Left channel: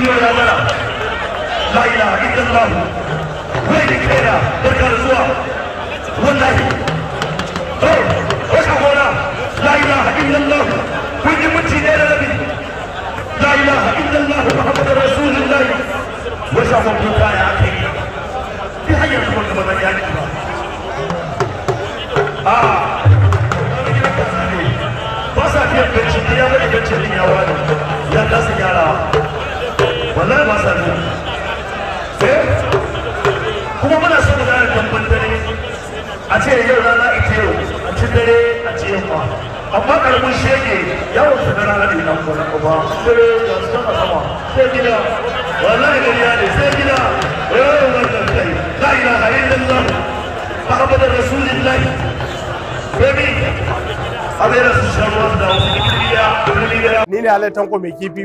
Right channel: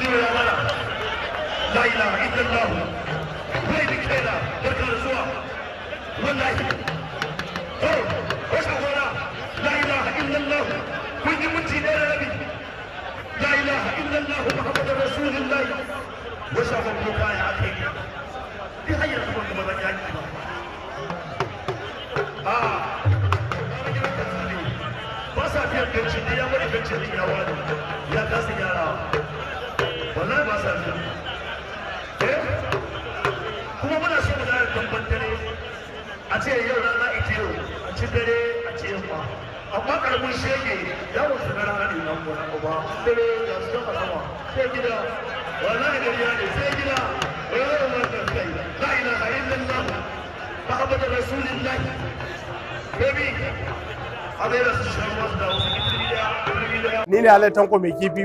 Junior ya gara la ilaha illallah wai da kaina barka da zuwa wallahi wata gona la ilaha illallah kun yi minti ɗaya da rabi la ilaha illallah muhammadar rasulullah wata gwamnati kaya aka yi ni hanyar kuma gaba da yani ba ba sa fiye gancin ya wani gancin din ya wani ya kasa gyara wallahi ba sa fiye kuma muna so mu zara tamban dare a ce yau rana ita yau a ci dare a ci yamma amma karamin shege yawon su na rana ne na kuma ba dare da su sama sama sai gida wallahi gariya ne sai gida yawon wannan kai la ilaha illallah muhammadar rasulullahi baby ni ne Alai Tanko mai kifi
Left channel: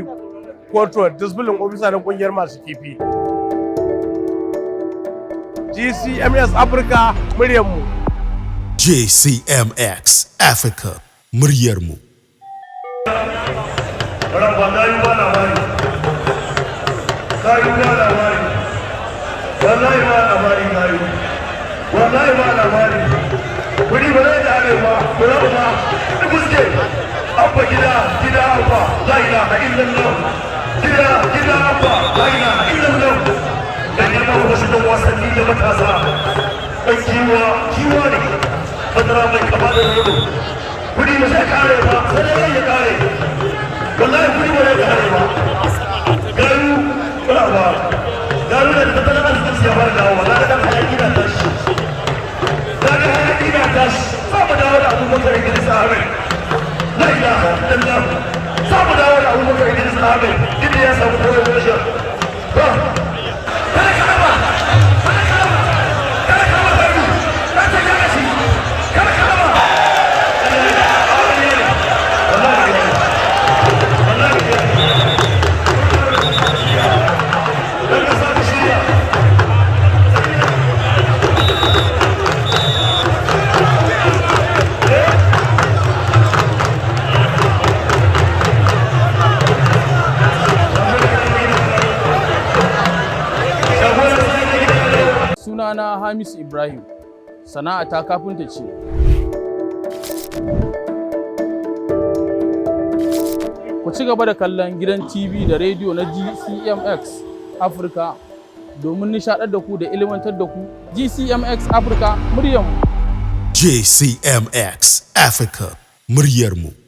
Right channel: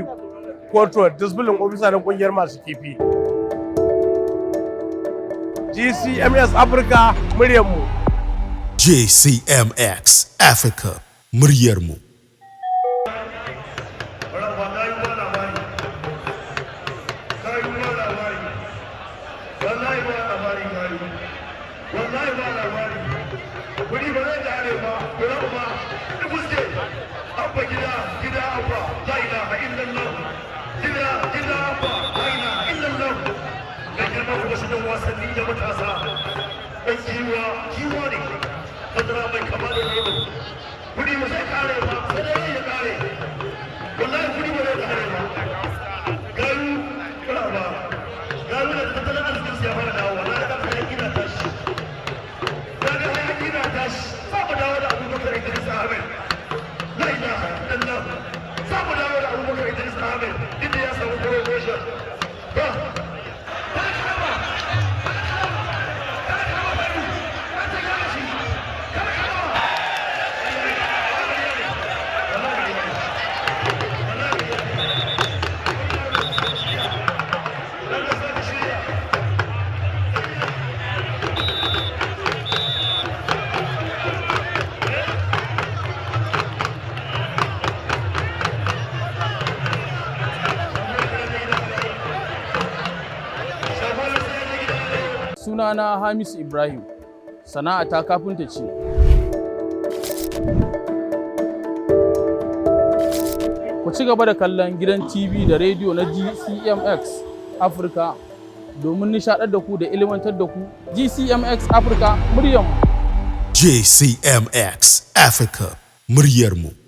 Portrait disbilin ofisa na kungiyar masu kifi GCMS Africa muryarmu JCMX Africa muryarmu wuri ba zai da arewa kula ba da fuske abba gida abba la ilaha illallah gida abba la ilaha illallah dan yana wasu da wasanni da matasa dan kiwa ne fadara mai kama da yau wuri ba zai kare ba sai dai ya kare wallahi wuri ba zai kare ba garu kula ba garu da tattalin arzikin ya bar dawo wallahi dan hayaki da tashi صعب داود أبو بكر إدريس آمن لا إله إلا الله صعب داود أبو بكر إدريس آمن إدري يا سبب الوجه Sunana Hamisu Ibrahim, sana'ata kafinta ce. Ku ci gaba da kallon gidan TV da rediyo na GCMX Africa domin nishaɗar da ku da ilimantar da ku. GCMX Africa muryarmu. JCMX Africa muryarmu.